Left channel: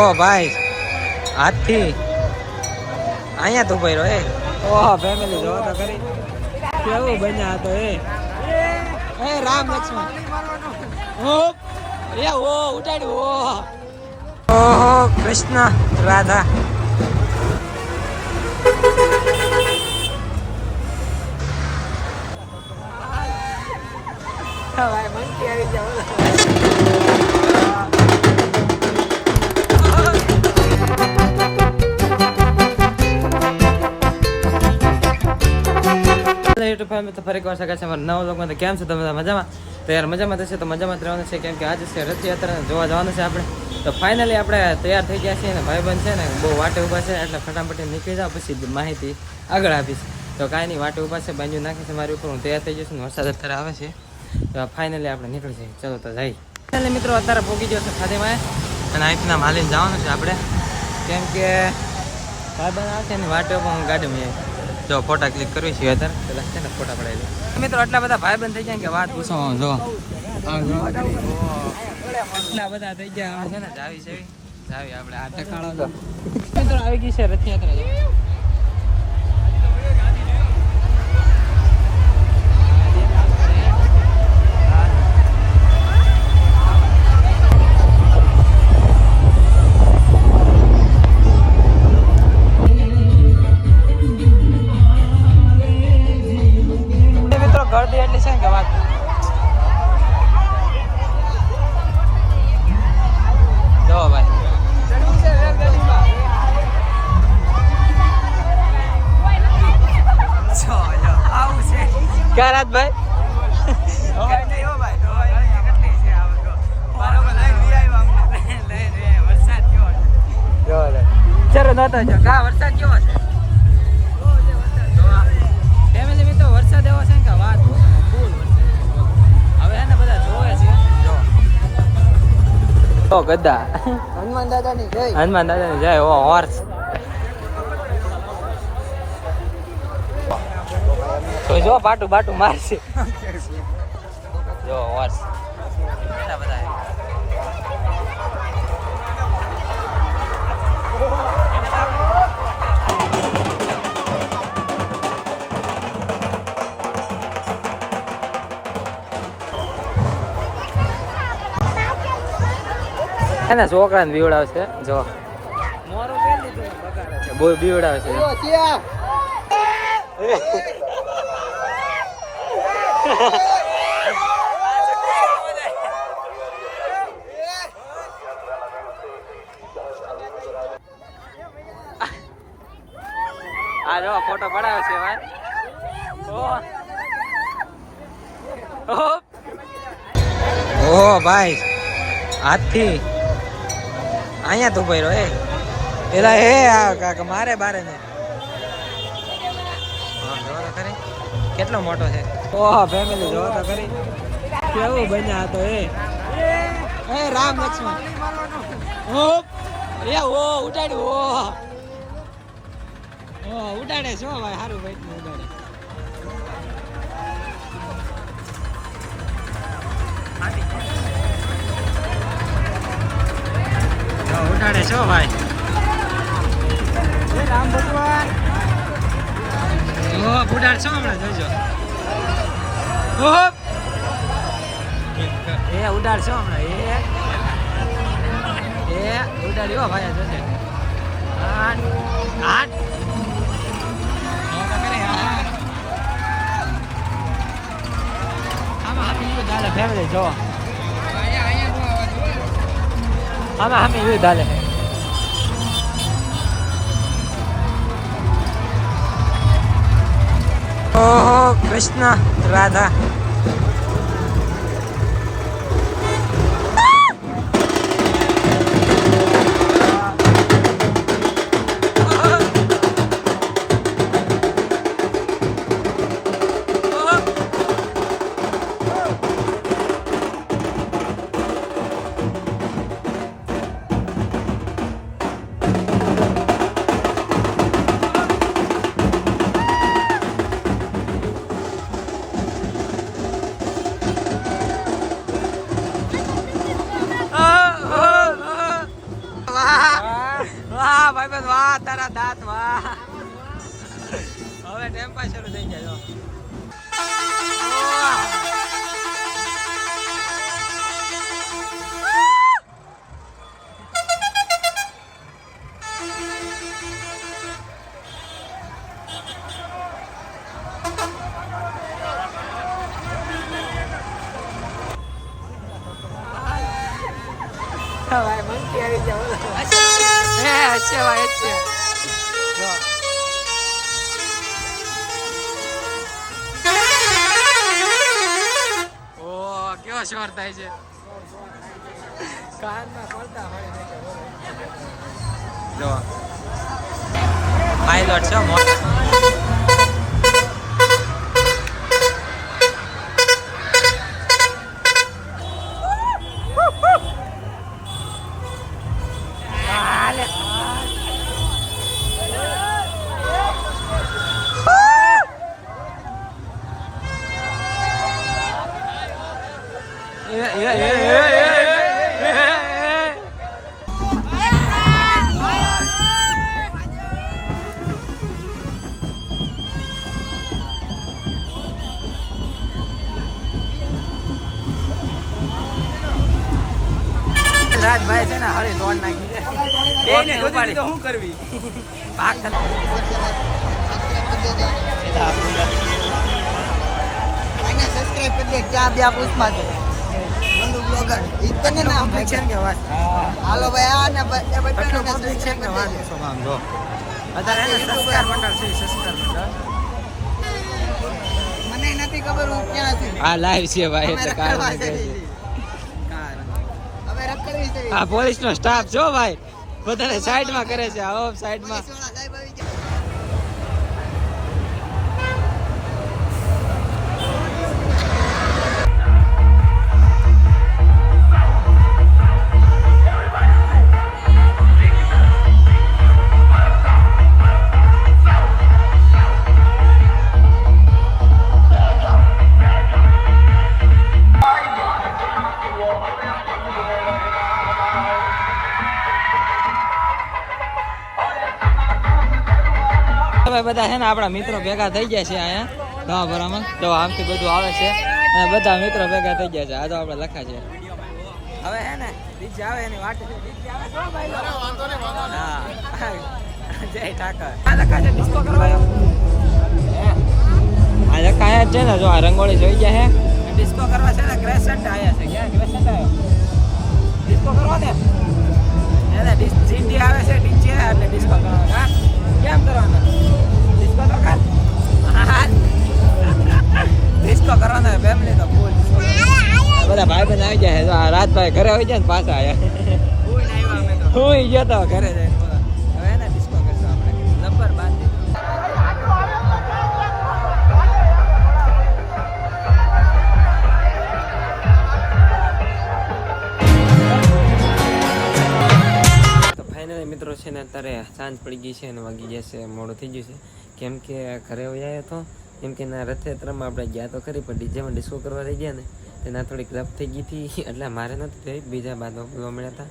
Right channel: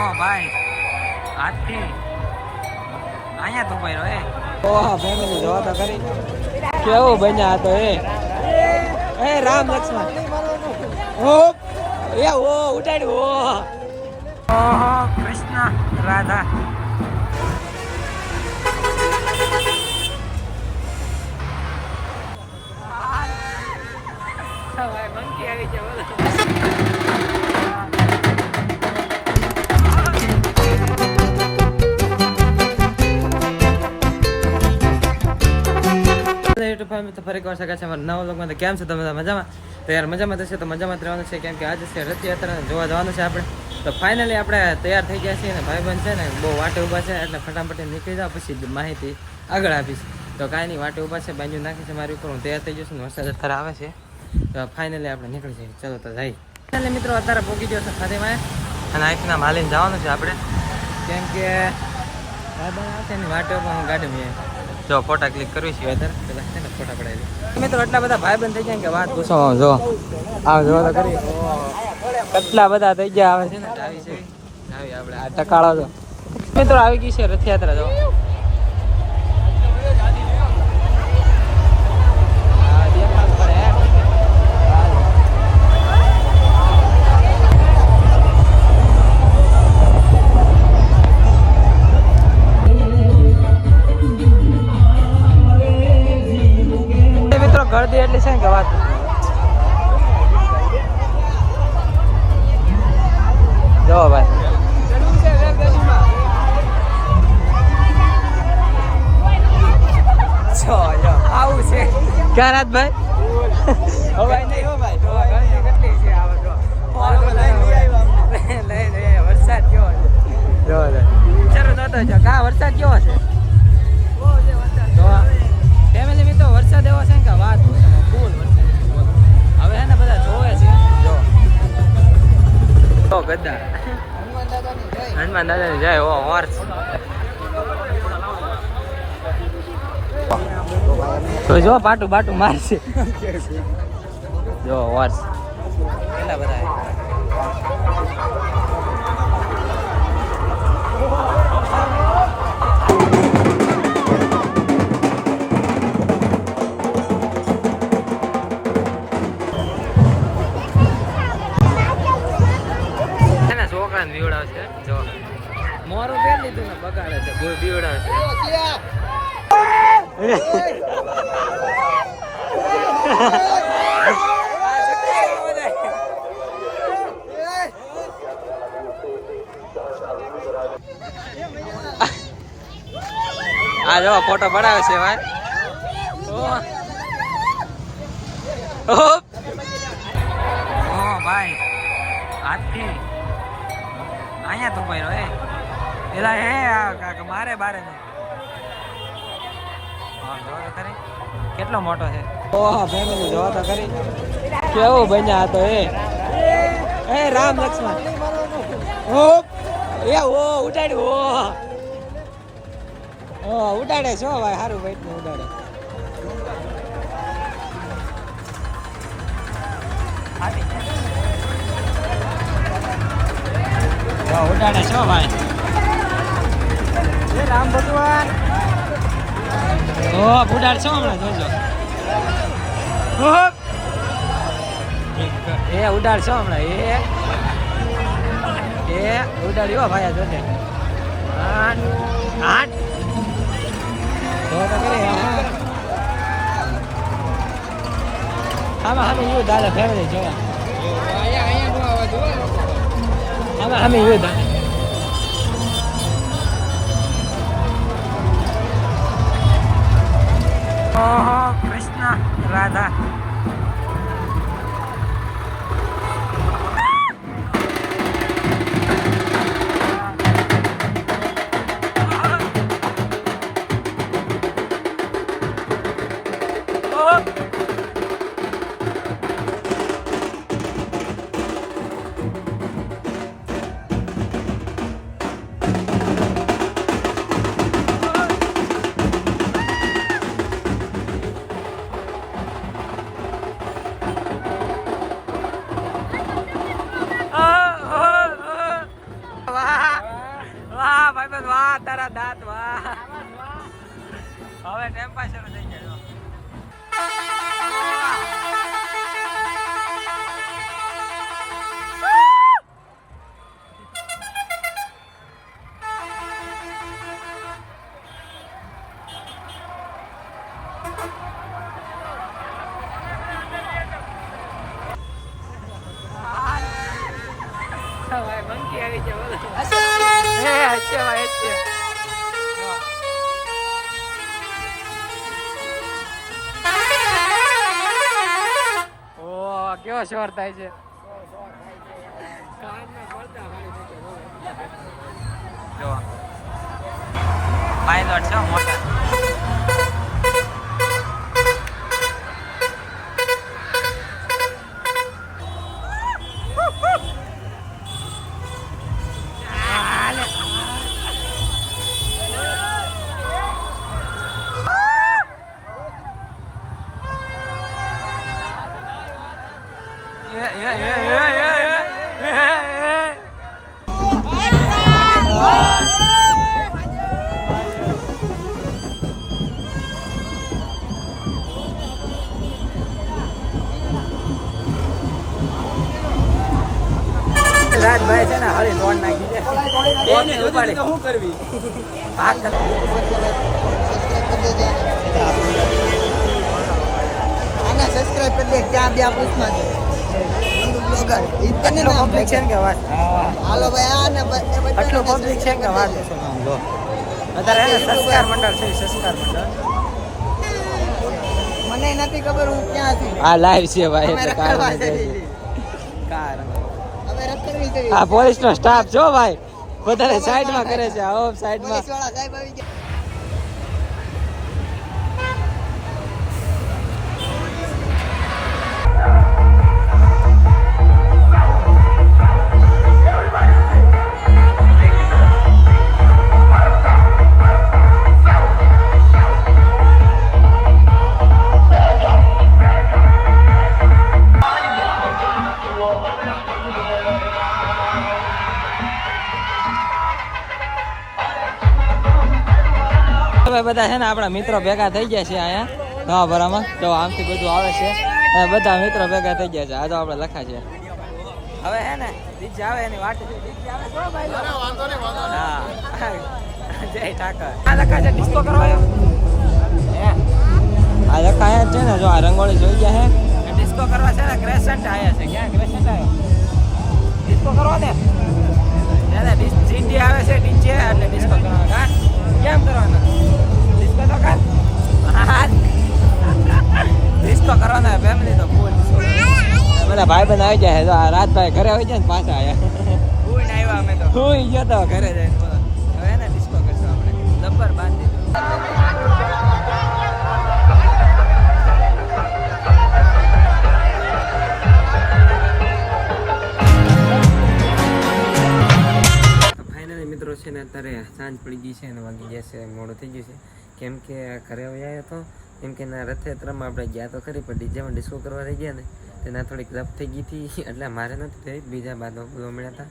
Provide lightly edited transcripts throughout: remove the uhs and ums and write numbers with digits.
ઓહો ભાઈ હાથથી અહીંયા તો ભાઈ રહે. ઓહો ફેમિલી જોવા તો કરી કેવું બન્યા તો એ રામ લક્ષ્મણ ઓ એ ઓ ઉડાડ્યું ઓહો કૃષ્ણ રાધા. ભાઈ મંકી આવી ગયા. યુટ્યુબ ફેમિલી તો ફરી વાર શકે છે અમારા નવા લોકોમાં. તો કેમ છો તમે મજામાં? તો યાર મજામાં થશે તો મજામાં જ રહેવાનું છે, કેમ કે આજે છે રથયાત્રા જોવા જવાનું છે આપણે. તો ફાઇનલી આપણે તૈયાર થઈ ગયા છીએ ને ભાઈબંધ છે ને બહુ વાટે ઊભા છે, એટલે ફટાફટ નીકળી જાવ પછી માહિતી આગળ આપીશ. તો કાંઈ નહીં, વાટે ઊભા છે, બાંધ્યું નાખે છે મારી ઉપર, હું તૈયાર થઈ જશું ને વરસાદ અત્યારે આવે છે. તો ફાઇનલી આપણે નીકળી જઈએ. ચલો તો જઈએ. ફાઇનલી મિત્રો અત્યારે પહોંચી ગયો છે ફાતિમાએ, અને અહીંથી હાલીને જવાનું છે આપણે, કેમ કે ભાઈબંધ આવશે ને વાટે ઉપર હું ગાડીમાં જો ફોટા ક્લિક કરવી છે અત્યારે. પેલા છે ને ફોટા પડાવી દે મિત્રો. એટલા બધા ભાઈબંધ થઈ ગયા કે વાત પૂછો. જો આવ જો કરી કેટલા બધા થઈ ગયા આવે છે ને. જાવી છે જાવી આપણે આ ટકાળો તો મિત્રો આવી ગઈ છે રથયાત્રા. જો વરસાદ કેવો છે ફેમિલી મિત્રો? વરસાદ એવો છે કે વાત ફૂલ વરસાદ. હવે હે ને બધા જોવે છે. જો ગદ્દા હનુમાન દાદાની જય. ઓ હોર્સ જો પાટું બાટું મારે છે. જો હોર્સ કેટલા બધા ને છોકરાને બીવડાવશે. જો મોરું પહેરી લીધું ને બગાડે છે, બહુ બીવડાવશે. આ જો ફોટો પડાવે છે ભાઈ. ઓહો ભાઈ હાથથી અહીંયા તો ભાઈ રહે પેલા હે મારે બારે ને. હા જોવા તો ખરી કેટલો મોટો છે. ઓહો ફેમિલી જોવા તો ખરી કેવું બન્યા તો એ રામ લક્ષ્મણ ઓ એ ઓ ઉડાડ્યું ઓ ઉડાડે છો ભાઈ. સારું ભાઈ ને ઉડાડે. ઉડાડે છો ભાઈ. રામ ભગવાન ઓ ઉડાડ છો હમણાં જોજો. એ ઉડાડ છો હમણાં એ ઉડાડ્યો ભાઈ. જોજે આમાં હામી યુ દાદા ફેમિલી જો આમાં હામી યુ દાદા. ઓહો કૃષ્ણ રાધા. Wow. વાહ ભાઈબંધ વાહ, તારા દાંત વાહ. હવે ટેમ્પા શરૂ થઈ જાય. ભાઈ મંકી આવી જાય. હે હશે ભાઈ હશે. જો ઓ કેવો શોર થાય છે. જો પાયલોટ છે મોટા. રાજભાઈ છે ને હળી લોન નાખી છે. એને ઉપાડી તો શું કરવી? ભાગ સબસ્ક્રાઇબ કરી દે. ક્યાં બે પૂછમાં છે પબ્લિક છે કે વાત. હાલો ભાઈ આ ને આટલું પબ્લિક છે કે વાત શું કામ જો અત્યારે એને સંસ્કાર મંડળ છે. સંસ્કાર મંડળ મને નથી ખબર હું ક્યાં છું. આ લાઈવ છે ભાઈ એટલે કાર હવે રખડવી છે. આ પોલીસ નો સ્ટાફ છો ભાઈ બધાને સાઈડમાં કરે છે. ઓફ સાઈડમાં પોલીસવાળા સાહેબ આવી ગયા. હવે બધા છે ને આપણા મિત્રો ભેગા થઈ ગયા છે અહીંયા નવા ભરામાં. જો આમથી બધું આવે છે અને બધા મિત્રો ભેગા થઈ ગયા છે. આ તો આપણે લખા છે. હવે હે ને ડીજે આવે એની વાટ છે. ડીજે આવે તો ભાઈ હા જય ઠાકર. આ લખા છે ડિસ્કો કરવાયો. આ લખા છે ને જો આ રંગોળી જોઈ ગયા છે ડિસ્કો કરવા છે ને. ક્રેસન્ટ આયા છે. ક્યાં ક્રેસન્ટ આવ્યો ડિસ્કો કરવા ને એને ડીજે આવે છે. ડીજે એટલે ડિસ્કો કરવા કેમ કરવાના ડિસ્કો તો કર. ડિસ્કો કરવાના ફેમિલી તો ફૂલ બધા ભાઈ બંધ આવી જાય. તો આ રાતભાઈ ઘરે આવી જાય ને પાછા આવ્યા. હું ગયો તો ઘરે જઈને બોલા હવે એને ડિસ્કો કરશું આપણે. લબ્બર બાંધી મિત્રો છે ને અત્યારે સાંજ પડી ગઈ છે અને વાગી ગયા છે મોડું થઈ ગયું છે. કેમ કે ઘરે આવ્યો હતો કેમ કે ના રથયાત્રામાં આપણે ગયા તો ખરી પણ ડીજેમાં ડિસ્કો કરવા થઈ ગયા ને તેના થોડીક રફ થઈ ગઈ હતી એટલે મારે નથી થઈ. બીજા બાદમાં બોલવા મળ્યા હતા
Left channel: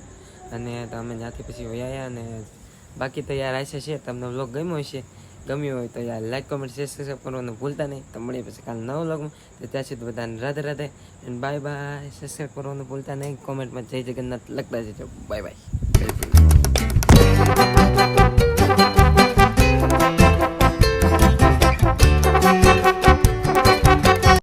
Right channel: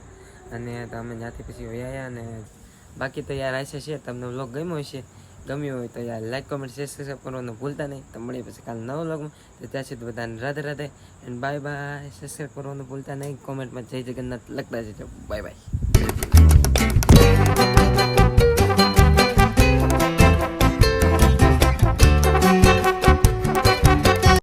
અને અમે ત્યાંથી પછી વયા અને બાકી તો યાર આશા છે તમને વ્લોગ ગમ્યો હશે. ગમ્યું હોય તો યાર લાઈક કોમેન્ટ શેર સબસ્ક્રાઈબ કરવાનું ભૂલતા નહીં. તો મળીએ પછી કાલે નવો વ્લોગમાં. તો ત્યાં સુધી બધાને Radhe Radhe and bye bye. Subscribe કરવાનું ભૂલતા નહીં. કોમેન્ટમાં જય જગન્નાથ લખતા જજો. Bye bye.